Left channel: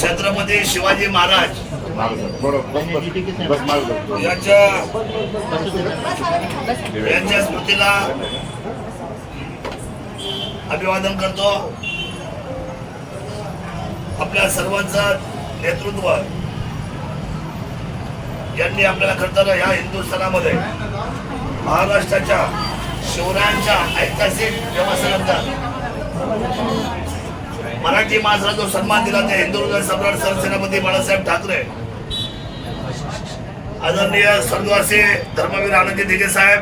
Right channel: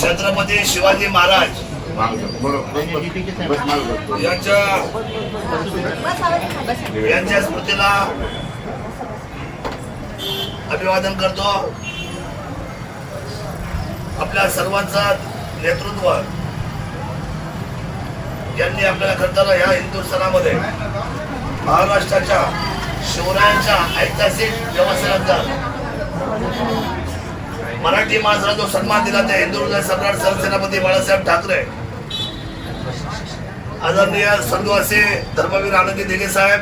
छत्रपती शिवाजी महाराज यांच्या स्मृतीला अभिवादन करतो. आपल्या सर्वांचं नेतृत्व ज्यांनी आपल्याला करताना या हिंदुस्थानामध्ये महाराष्ट्राच्या शिवरायांच्या ऐतिहासिक व्यवस्थेनंतर मराठी माणसाला जो सन्मान दिला ते हिंदू हृदय सम्राट सरसेनापती बाळासाहेब ठाकरे, आदरणीय स्वर्गवासी धर्मवीर आनंदजी दिघे साहेब,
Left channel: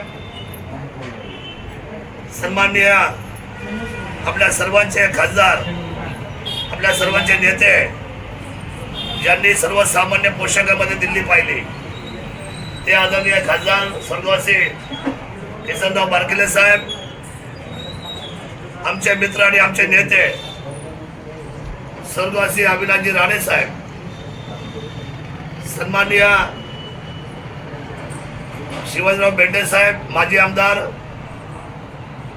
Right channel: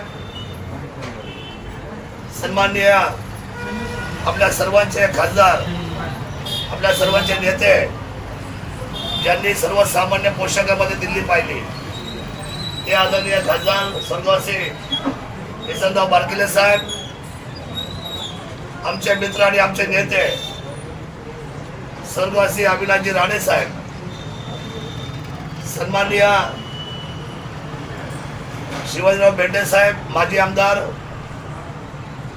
सन्माननीय आपल्या सर्वांचे खासदार, आपल्या सर्वांचे नेते ज्यांनी सर्वसामान्य पोशाखामध्ये दिल्ली पाहिली, ते आदरणीय खासदार स्वर्गवासी किसनराव बारकिले साहेब, आमचे मित्र आणि आमचे नेते स्वर्गवासी अविनाशजी राणे साहेब, सन्माननीय शिवाजीराव बेंडे साहेब माजी आमदार,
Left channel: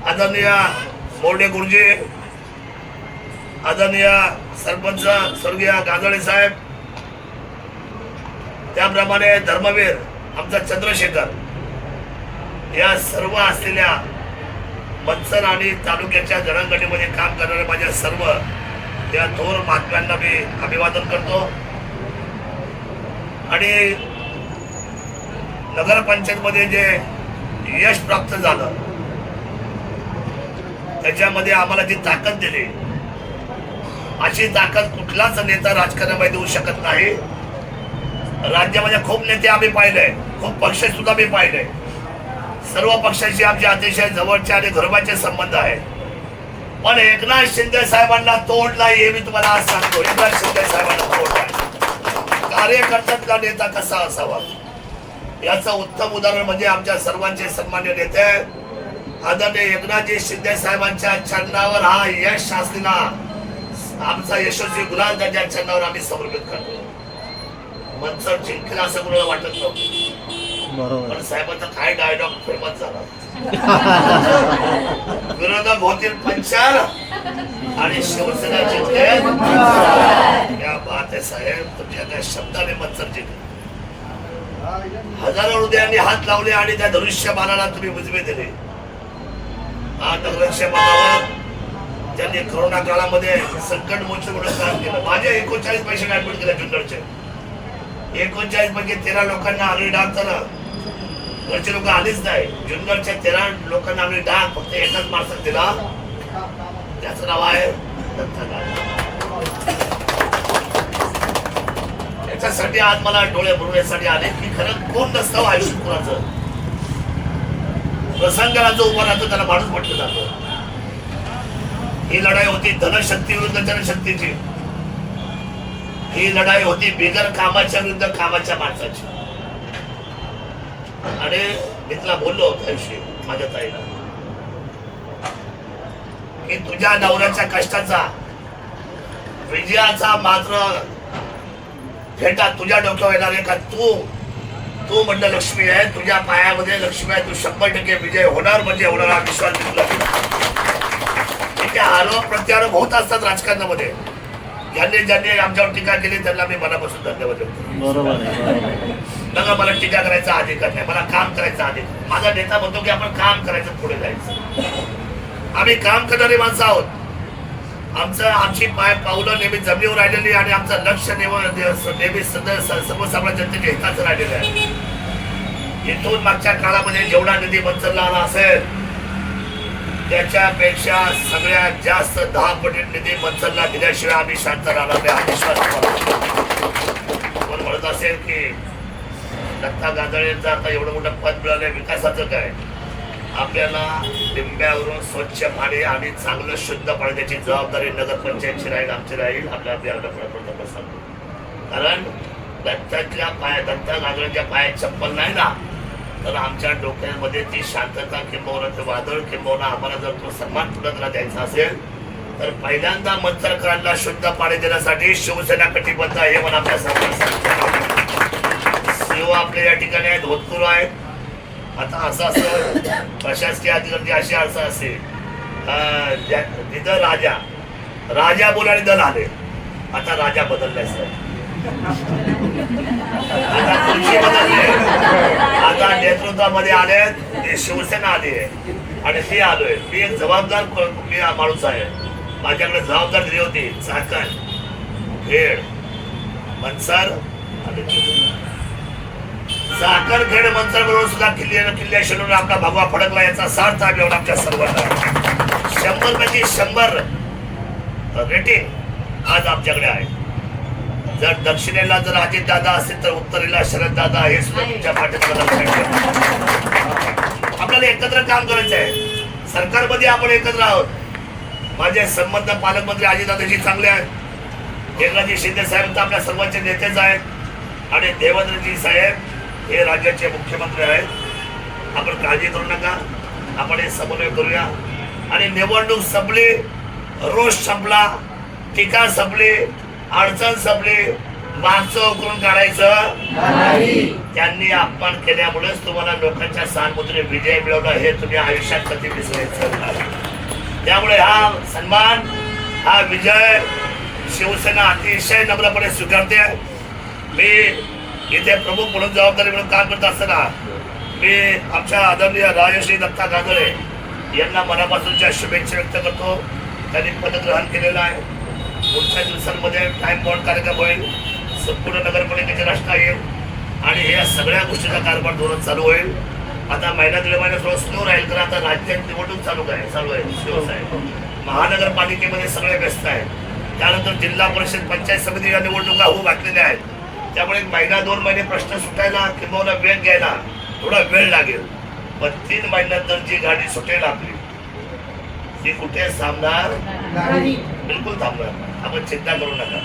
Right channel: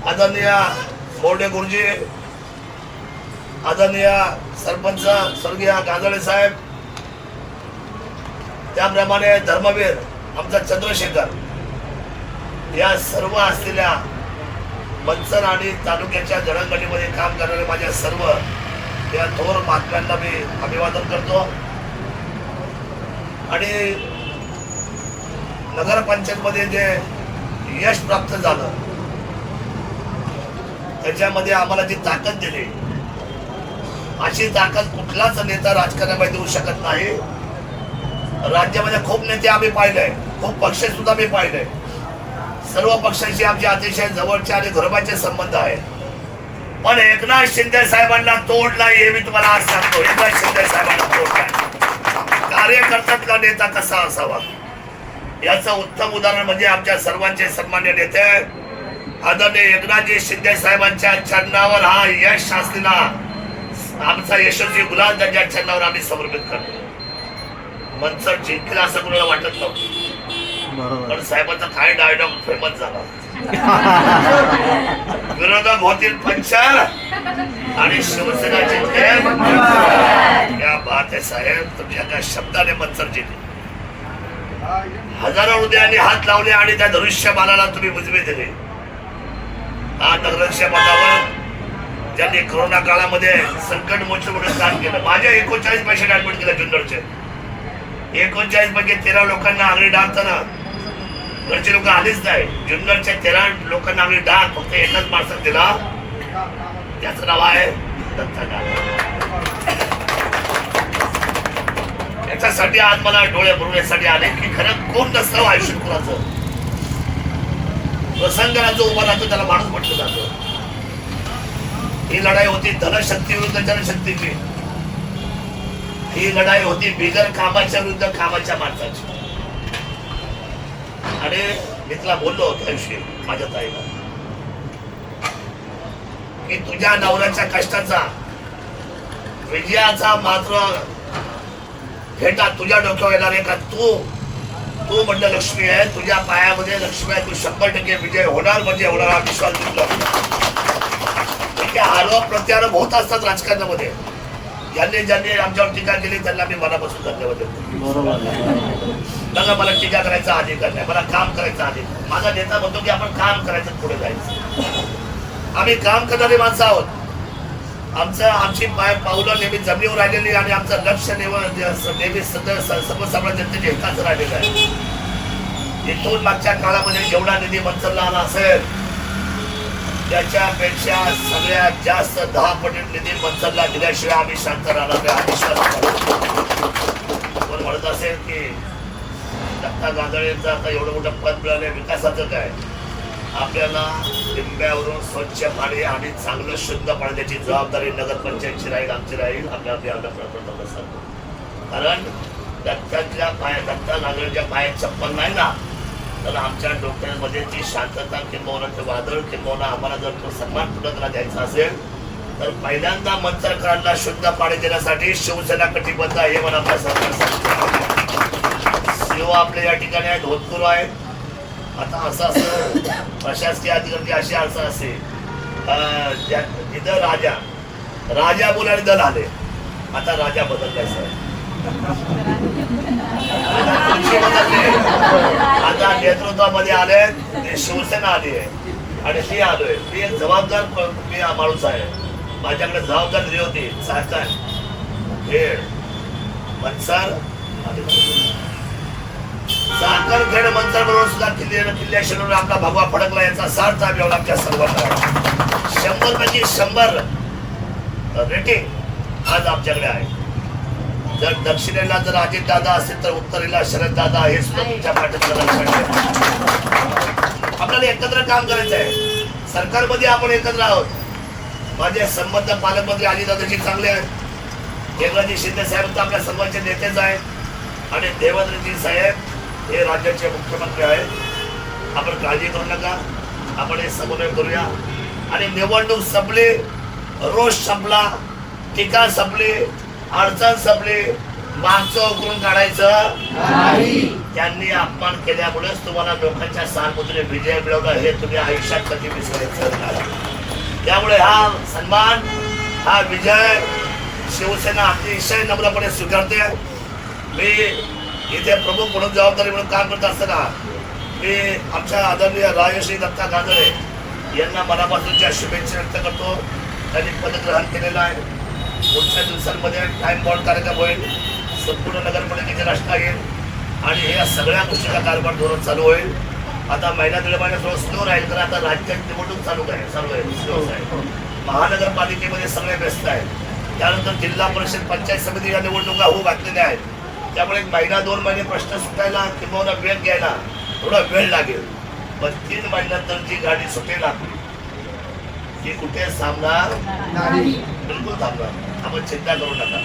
आदरणीय मोर्डे गुरुजी, आदरणीय सरपंच स्वर्गीय गाजळे साहेब, त्याप्रमाणे धर्मवीर आमचा चंद्रशेखर, या सर्व असलेल्या मंचर आणि तालुक्याच्या जडणघडणीमध्ये काम करणारे माझ्या सर्व या थोर महात्म्यांना मी अभिवादन करतो. आणि नगरपंचायतमध्ये जे यश प्राप्त झालं त्याच्यामध्ये आम्हाला जी ताकद दिली, अशी ताकद कुठलाच नेता राजकारणामध्ये देऊ शकत नाही. राज्यामध्ये खूप नेते आम्ही पाहिले, खूप पक्ष सुद्धा मी पाहिले, सर्व पक्षांशी आमचे अतिशय जवळचे आणि घरोबाचे संबंध आहे, पण एकनाथ शिंदे साहेबांना तोड नाही हे मी तुम्हाला आज सांगतो. एकनाथ शिंदे साहेबांना तोड नाही. कार्यकर्त्यातला नेता कसा असावा याचं उत्तम उदाहरण म्हणजे आमच्या सर्वांचे सन्मान्य नेते आदरणीय एकनाथजी शिंदे साहेबांच्या चरणावर हा यश असलेला आमचा यशस्वी गुलाल त्यांच्या चरणावर आम्ही समर्पित करतो. मनसर जिंकलं असं कुणाला वाटत नव्हतं, पण साहेबांचा काय डायलॉग फेमस झाला, विरोधक होतील पंचाल आणि शिवसेना जिंकेल. क्या बात आहे साहेब, तुम्ही एका शब्दाने मनसर जिंकले. हजारो हृदयांनी हात लावले आणि त्या धनुष्यबाणाला तुम्ही उजवे दिले. हा धनुष्यबाणावर ज्यांनी कोरोना काळामध्ये संकट मोर्चे म्हणून काम केलं, माझ्या 39 पेशंट ऍडमिट केले जुन्नरचे. 39 पैकी 13 लोकांना आगळी डाग झाला, घरचे लोक आलीच नाही. जुन्नरच्या 13 लोकांना आगळी डाग फक्त एकच माणसात दिला, त्याचं नाव आहे दत्ता गाडे. याच्यासाठी आज मला डोळे भरवण्यासाठी आले की खरं कोण नसतं आयुष्य कुणाचं. प्रसंगाला जो उभा राहतो त्याला माणूस म्हटलं जातं. ही लढाई होती धनशक्ती विरुद्ध जनशक्तीची. ही लढाई होती बिगर कामाच्या विरुद्ध कामाच्या माणसाची. आणि मी तुला बोललो त्या दिवशी माझ्या ताईला की तुझ्या नवऱ्याच्या कष्टाचा विजयाचा मात्र फेटा तुझ्या डोक्यावर येणार आहे का. तू म्हणलं लक्ष्मी आहे, तुझ्या पायामध्ये लक्ष्मी आहे, तू 100% विजय होणार म्हणजे होणार हा विश्वास दिसला. आरोप प्रत्यारोप होत असतात राजकारणामध्ये. ज्यांनी आमच्यावर टीका केली त्यांना मी मनापासून धन्यवाद देतो. बघा, मला टीका करायचा अधिकार नाही, मला काम करायचा अधिकार. माझा नेता म्हणतो की आपण काम करायचं, पुढे जायचं. आम्ही काम करणारी माणसं आहोत. आमची पावलं नेहमी जमिनीवर राहिलेली आणि आमचं लक्ष नेहमी सर्वसामान्य जनतेच्या हिताचं राहिलेलं आहे. इथून मागच्या काळामध्ये जेवढा निधी मंचरला आला असेल त्याच्यापेक्षा सगळ्यात जास्त 10 पटीत निधी मंचरला दिल्याशिवाय आम्ही शांत राहणार नाही हा विश्वास. कोण म्हणत असेल की दत्ता गाजळेंचं आता एवढं मोठं पद मिळालं, विकासाचं काय. आपल्याला लिंब्यावरून स्वच्छ पाणी आणि चांगलं शुद्ध पाणी द्यायची जबाबदारी नगरपंचायतची राहील, आमची राहील. आपल्याला प्रयत्न सांगतो, कारण दत्ता गाजळेंच्या पायात चप्पल नाही ना, तर आमच्या डोक्यामध्ये ती शांतता किंबहुना ते वादळ किंबहुना आम्हाला जर तो सन्मान पुढे द्यायचा असेल तर पहिल्यांदा मंचरकरांना शुद्ध पाणी देण्यासाठी शिवसेना कटिबद्ध आहे म्हणून आपल्या सरकार सीओ आपल्या या ठिकाणी आहेत, होतकरू आहेत. आता असं प्रशासकीय अधिकारी अशी असं असेल जिथं राजा राजा बोल आणि दल आले. आता राजा बदललाय सर, आता खुर्ची बदलली, आता नेतृत्वामध्ये आले ते शिवसेना आली आहे आणि मी आलोय. मी एक जबाबदार माणूस आहे. माझ्याकडे जबाबदारी दिली होती. चाकण, खेड, मनसर आणि चाकण, खेड, मनसर बरोबर सुद्धा किल्ल्या शिरून आपला भगवा फडकला. याचा सार्थ आम्ही एवढा आमच्या सर्वांना 100 पैकी 100 रेटिंग आज आमच्याकडे आहे. जर दक्षिणेला जर अजित दादा असेल तर उत्तरेला शरद दादा हे सुद्धा तुमच्या पाठीमागे लक्षात ठेवा. आपल्याला एकत्र काम करायचं आहे. सरकारमध्ये आपण एकत्र आहोत. माझे संबंध पालकमंत्री अजितदादाजी चांगले आहेत. एकनाथजी शिंदे साहेब तर आपल्या सर्वांचे नेतेच आहेत आणि देवेंद्रजी साहेब हे राज्याचे मुख्यमंत्री आहेत. आपण काळजी करू नका. आपण हे समन्वय करूया आणि निवडणूक संपली, रोष संपला, टीका संपली, अडचण संपली, मागचं उकरून काढायचं नाही. त्यांनी अपमान केल्यामुळेच तुम्हाला लोकांच्या सहानुभूतीने विजय मिळवला हे तुम्ही आयुष्यात कधी विसरायचं नाही. त्यामुळे हा सन्मान, हा विजय शिवसेना अतिशय नम्रपणे स्वीकारते. मी इथे प्रमुख म्हणून जबाबदारी म्हणून काम करत असताना मी आमच्या आदरणीय राजश्री दत्ता गांधळे यांना मनापासूनच्या शुभेच्छा व्यक्त करतो. त्यांनी पदग्रहण केलेलं आहे. पुढच्या दिवसांमध्ये टाइम बॉन्ड कार्यक्रम होईल, संपूर्ण नगरपालिकेची रचना येईल आणि या सगळ्या गोष्टीचा कारभार धोरण चालू होईल. आता महिना दीड महिना थोडं स्लो राहील कारण आता राज्यात निवडणूक चालू आहे. महानगरपालिकेमध्ये सगळे व्यस्त आहेत. त्यानंतर जिल्हा परिषद, पंचायत समिती या निवडणुका होऊ घातलेल्या आहेत. त्यामुळे 1 महिना 2 महिने प्रश्न सुटायला किंवा वेग घ्यायला थोडा वेळ लागेल. पण 3 महिन्यानंतर जी गाडी सुटेल आपली ती कुठे थांबणार? बिलकुल थांबणार. आपण चिंता करू नका.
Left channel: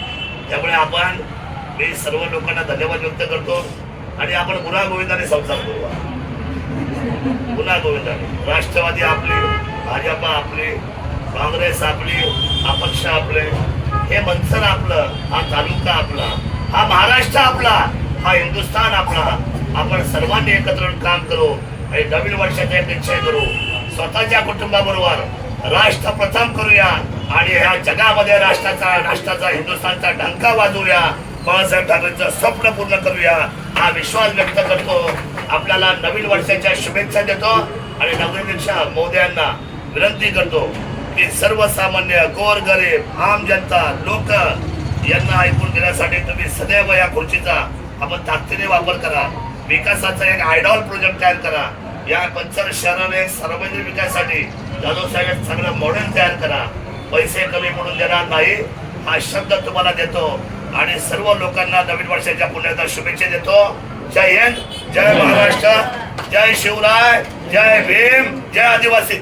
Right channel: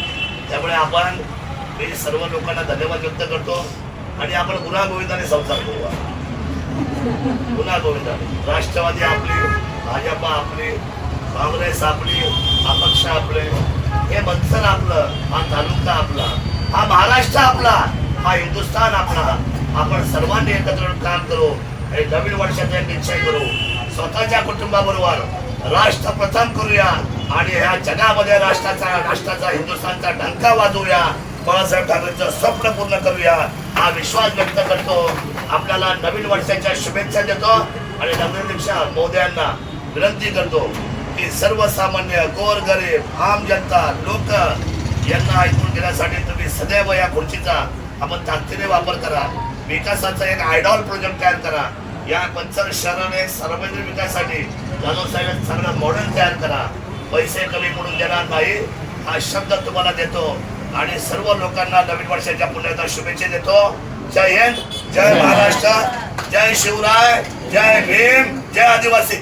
त्यामुळे आपण, मी सर्व लोकांना धन्यवाद व्यक्त करतो आणि आपण गुन्हा गोविंदाने संसार करूया. गुन्हा गोविंदाने राष्ट्रवादी आपली, भाजपा आपली, काँग्रेस आपली, अपक्ष आपले, हे मनसर आपलं, हा तालुका आपला, हा महाराष्ट्र आपला, हा हिंदुस्थान आपला. आपण सर्वांनी एकत्र काम करू आणि नवीन वर्षाचा एक निश्चय करू. स्वतःच्या कुटुंबाबरोबर राष्ट्र प्रथम करूया आणि ह्या जगामध्ये राष्ट्राचा हिंदुस्थानचा डंका वाजवूया. बाळासाहेब ठाकरेंचं स्वप्न पूर्ण करूया हा विश्वास व्यक्त करतो. आपल्याला नवीन वर्षाच्या शुभेच्छा देतो आणि नगराध्यक्ष महोदयांना विनंती करतो की सर्वसामान्य, गोरगरीब, आम जनता, लोक यांना ऐकून घेण्यासाठी तुम्ही सदैव या खुर्चीचा आपण ताकदीने वापर करा. विकासाचा एक आयडॉल प्रोजेक्ट तयार करा. या पंचर शहराने एक सार्वजनिक विकासासाठी जाधव साहेब सगळं मॉडेल तयार करा. पैसे कमी पडून देणार नाही हा शब्द तुम्हाला देतो आणि सर्व लोकांना नवीन वर्षाच्या पुण्याचा शुभेच्छा देतो. जय हिंद, जय महाराष्ट्र, जय शिवराय, जय भीम, जय आदिवासी.